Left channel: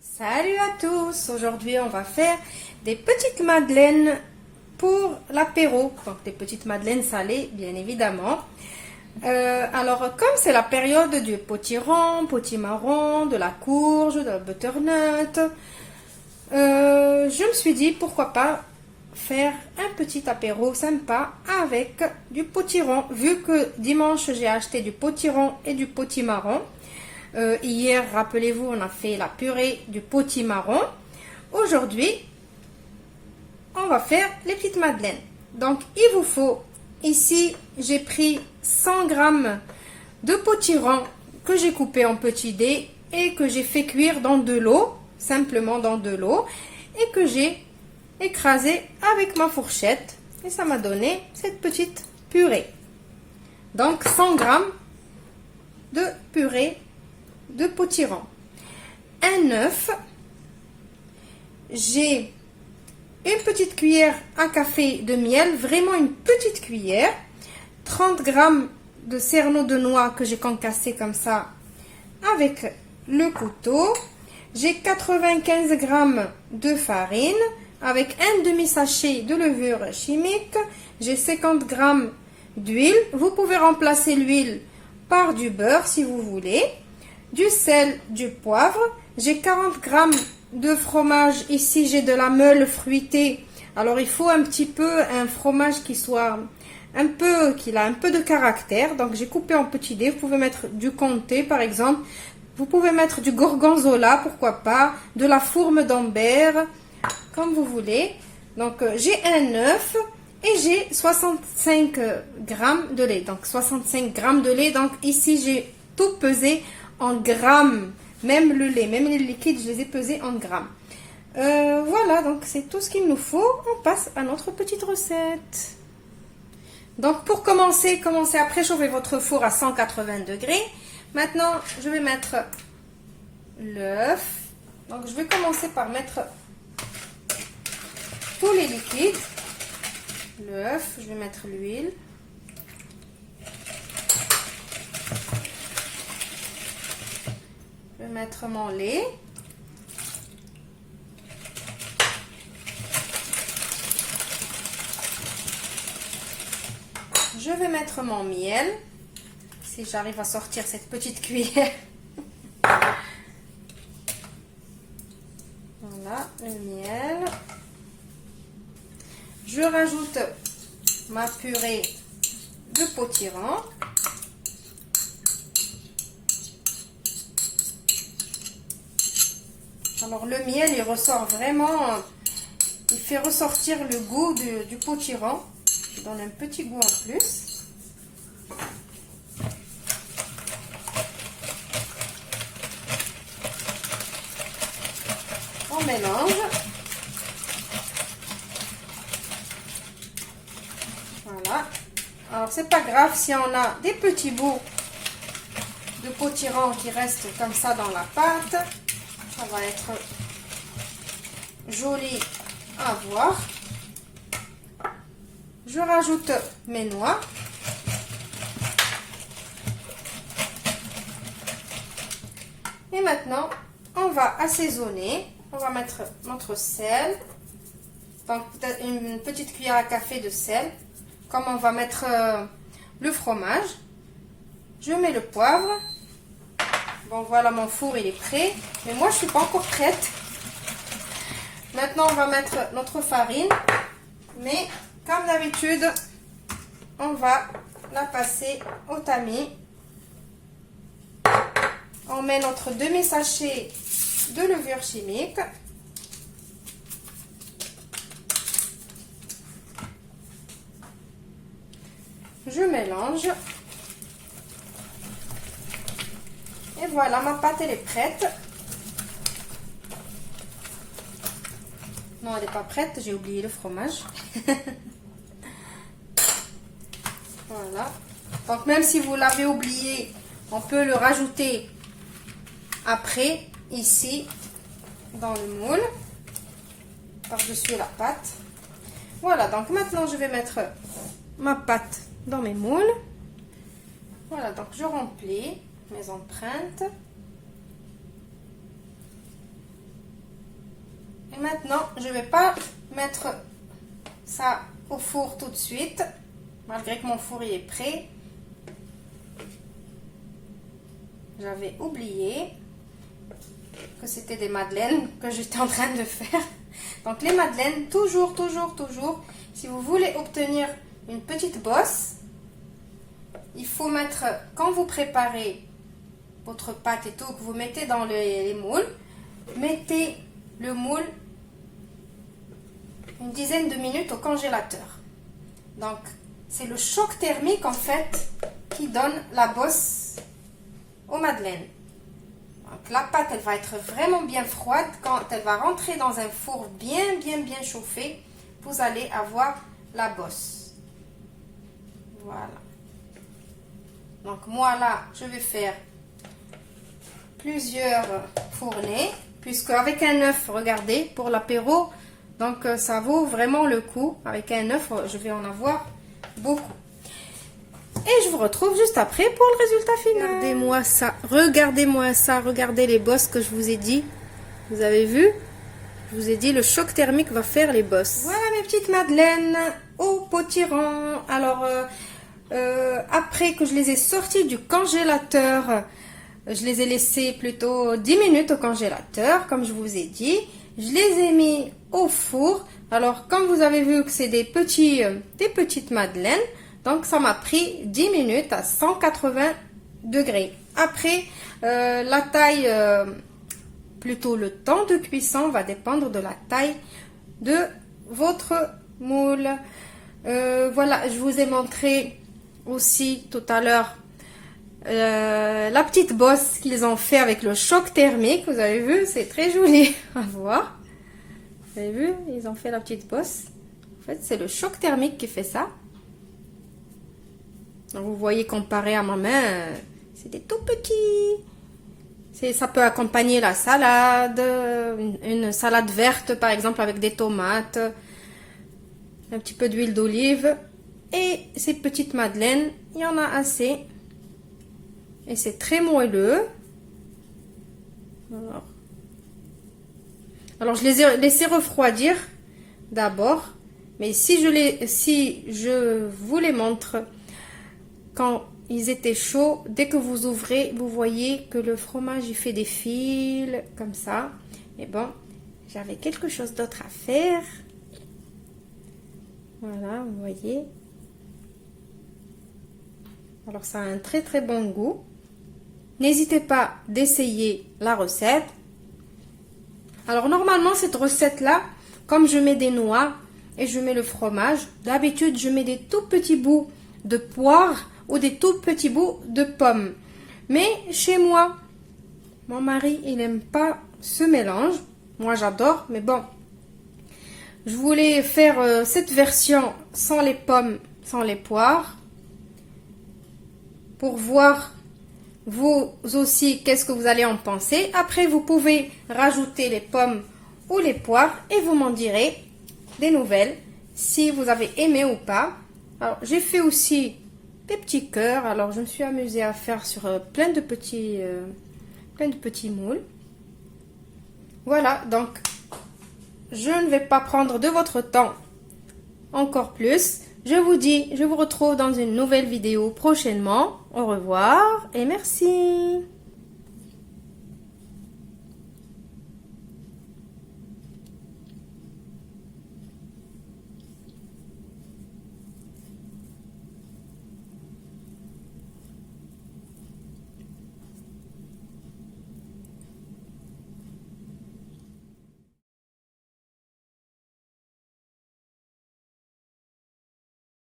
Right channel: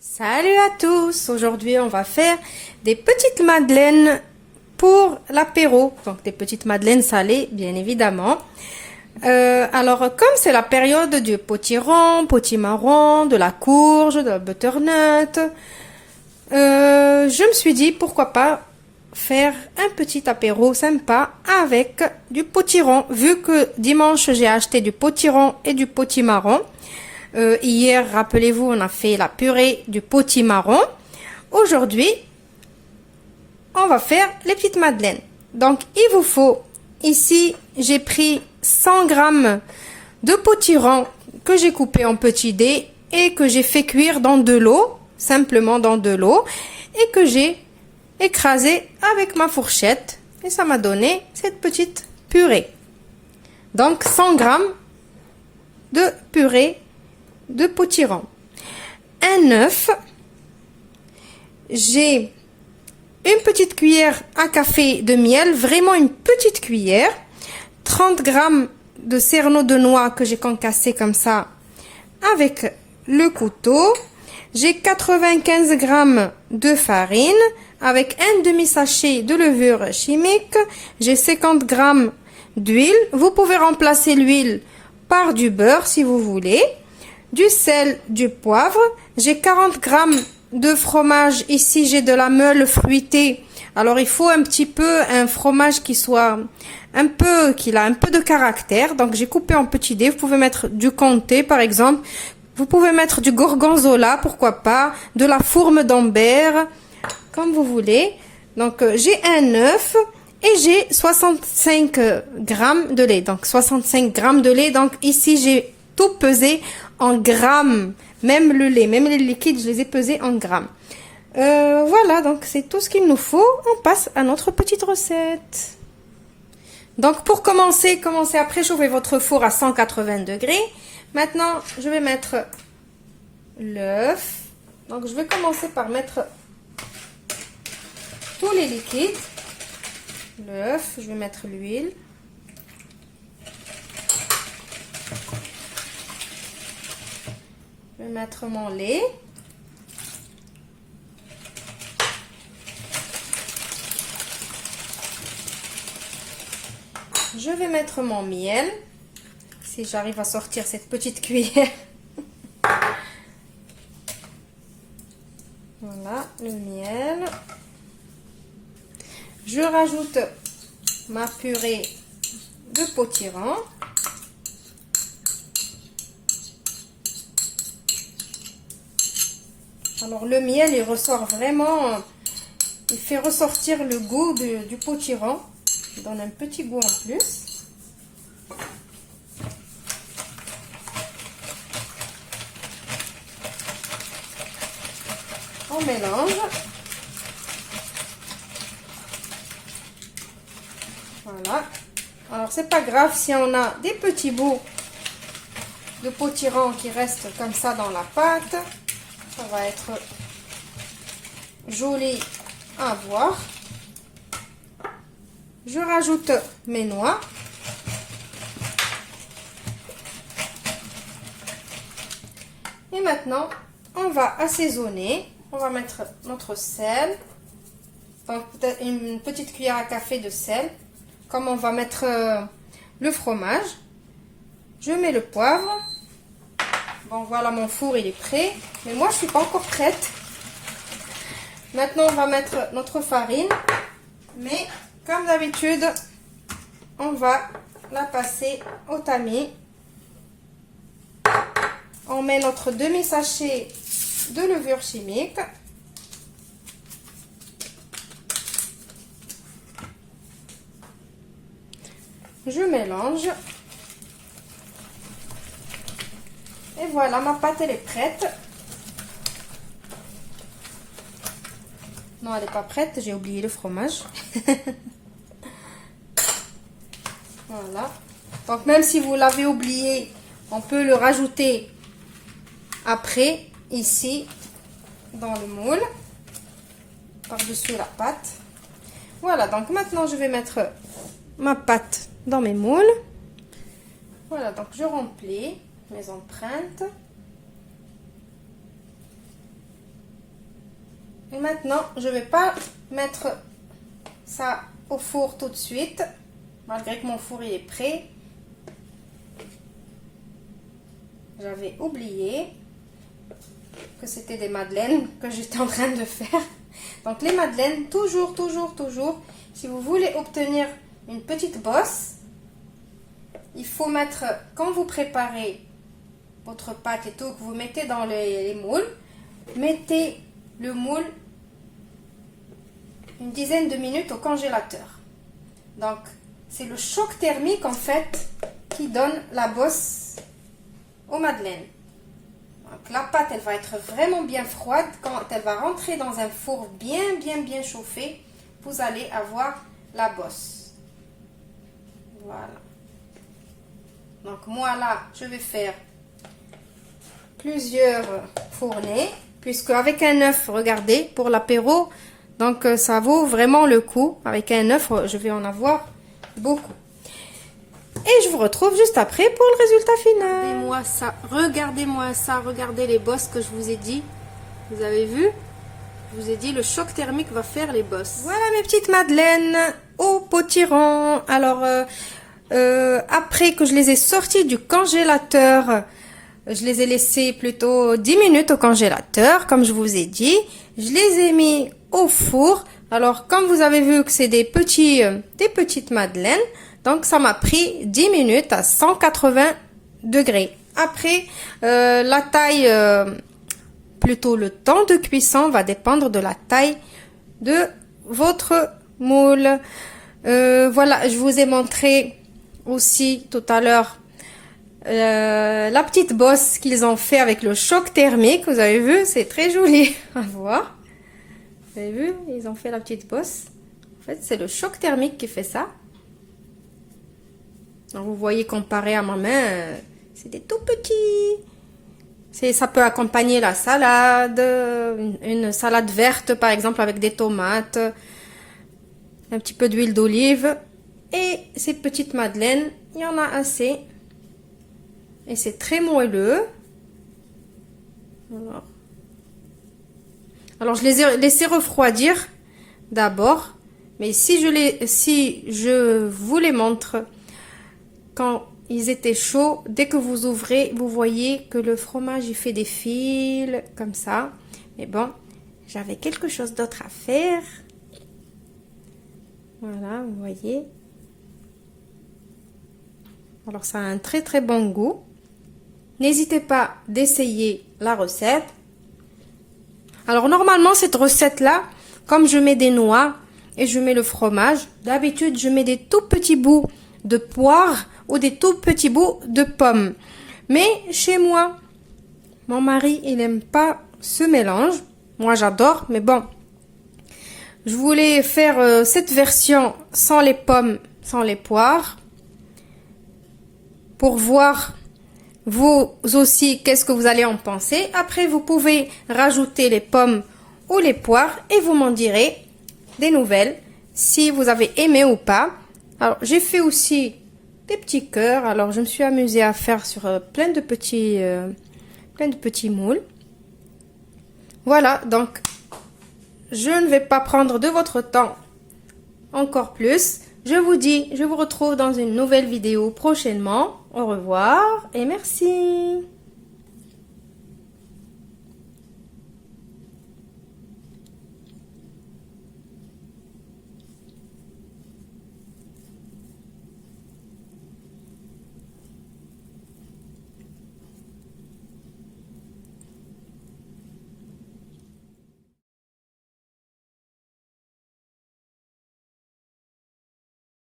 Salut à tous! Aujourd'hui, on va faire des petites madeleines pour l'apéro. Donc, des petites madeleines salées, bien évidemment. Alors, comme c'est la période du potiron, potimarron, de la courge, de la butternut, je me suis dit, pourquoi pas faire un petit apéro sympa avec du potiron. Vu que dimanche, j'ai acheté du potiron et du potimarron. Hier, rappelez-vous, on a fait la purée du potimarron. Aujourd'hui, on va faire les petites madeleines. Donc, il vous faut, ici, j'ai pris 100 grammes de potiron que j'ai coupé en petits dés et que j'ai fait cuire dans de l'eau, simplement dans de l'eau, et que j'ai écrasé avec ma fourchette. Et ça m'a donné cette petite purée. Donc, 100 grammes de purée de potiron, un œuf, j'ai une petite cuillère à café de miel, vraiment une petite cuillère, 30 grammes de cerneau de noix que j'ai concassé comme ça avec le couteau, j'ai 95 grammes de farine avec un demi-sachet de levure chimique, j'ai 50 grammes d'huile, vous pouvez remplacer l'huile par du beurre si vous voulez, du sel, du poivre, j'ai 40 grammes de fromage, ici j'ai de la meule fruitée, alors il faut un petit peu un fromage qui soit qu'il a un peu de caractère, donc j'ai coupé en petits dés, vous pouvez mettre du comté par exemple, vous pouvez mettre du gorgonzola, pourquoi pas, de la fourme d'Ambert, comme vous voulez, donc j'ai un œuf et j'ai 65 grammes de lait, donc 65 grammes de lait, donc ici j'ai tout pesé en grammes, même le lait, même les liquides, je les ai pesés en grammes. Voilà, donc c'est tout ce qu'il nous faut. On passe à notre petite recette. Donc pour commencer à préchauffer votre four à 180 degrés. Maintenant, je vais mettre l'œuf. Donc je vais commencer par mettre tous les liquides. L'œuf, je vais mettre l'huile. Je vais mettre mon lait. Je vais mettre mon miel. Si j'arrive à sortir cette petite cuillère. Voilà, le miel. Je rajoute ma purée de potiron. Alors le miel, il ressort vraiment, il fait ressortir le goût du potiron. Il donne un petit goût en plus. On mélange. Voilà. Alors c'est pas grave si on a des petits bouts de potiron qui restent comme ça dans la pâte. Ça va être joli à voir. Je rajoute mes noix. Et maintenant, on va assaisonner. On va mettre notre sel. Donc, une petite cuillère à café de sel. Comme on va mettre le fromage. Je mets le poivre. Bon, voilà, mon four, il est prêt. Mais moi, je ne suis pas encore prête. Maintenant, on va mettre notre farine. Mais, comme d'habitude, on va la passer au tamis. On met notre demi-sachet de levure chimique. Je mélange. Et voilà, ma pâte, elle est prête. Non, elle n'est pas prête, j'ai oublié le fromage. Voilà. Donc, même si vous l'avez oublié, on peut le rajouter après, ici, dans le moule, par-dessus la pâte. Voilà, donc maintenant, je vais mettre ma pâte dans mes moules. Voilà, donc je remplis mes empreintes. Et maintenant, je vais pas mettre ça au four tout de suite, malgré que mon four il est prêt. J'avais oublié que c'était des madeleines que j'étais en train de faire. Donc les madeleines, toujours, si vous voulez obtenir une petite bosse, il faut mettre, quand vous préparez votre pâte et tout, que vous mettez dans les moules, mettez le moule une dizaine de minutes au congélateur. Donc c'est le choc thermique en fait qui donne la bosse aux madeleines. Donc la pâte elle va être vraiment bien froide. Quand elle va rentrer dans un four bien chauffé, vous allez avoir la bosse. Voilà. Donc moi là je vais faire plusieurs fournées, puisque avec un œuf, regardez, pour l'apéro, donc ça vaut vraiment le coup. Avec un œuf je vais en avoir beaucoup. Et je vous retrouve juste après pour le résultat final. Regardez-moi ça, regardez les bosses que je vous ai dit. Vous avez vu? Je vous ai dit, le choc thermique va faire les bosses. Voilà mes petites madeleines au potiron. Alors, après que je les ai sorties du congélateur, je les ai laissées plutôt 10 minutes au congélateur, comme je vous ai dit. Je les ai mis au four. Alors, comme vous avez vu que c'est des petites madeleines, donc ça m'a pris 10 minutes à 180 degrés. Après, la taille, plutôt le temps de cuisson va dépendre de la taille de votre moule. Voilà, je vous ai montré aussi tout à l'heure la petite bosse qu'ils ont fait avec le choc thermique. Vous avez vu, c'est très joli à voir. Vous avez vu, ils ont fait la petite bosse. En fait, c'est le choc thermique qui fait ça. Donc, vous voyez, comparé à ma main, c'est des tout petits. Ça peut accompagner la salade, une salade verte par exemple avec des tomates, un petit peu d'huile d'olive. Et ces petites madeleines, il y en a assez. Et c'est très moelleux. Alors je les ai laissés refroidir d'abord. Mais si je vous les montre quand ils étaient chauds, dès que vous ouvrez, vous voyez que le fromage il fait des fils comme ça. Mais bon, j'avais quelque chose d'autre à faire. Voilà, vous voyez. Alors ça a un très bon goût. N'hésitez pas d'essayer la recette. Alors normalement cette recette là, comme je mets des noix et je mets le fromage, d'habitude je mets des tout petits bouts de poire ou des tout petits bouts de pommes. Mais chez moi, mon mari il n'aime pas ce mélange. Moi j'adore, mais bon, je voulais faire cette version sans les pommes, sans les poires, pour voir vous aussi qu'est-ce que vous allez en penser. Après vous pouvez rajouter les pommes ou les poires et vous m'en direz des nouvelles si vous avez aimé ou pas. Alors j'ai fait aussi des petits cœurs. Alors je me suis amusée à faire sur plein de petits moules. Voilà, donc je ne vais pas prendre de votre temps encore plus. Je vous retrouve dans une nouvelle vidéo prochainement. Au revoir et merci.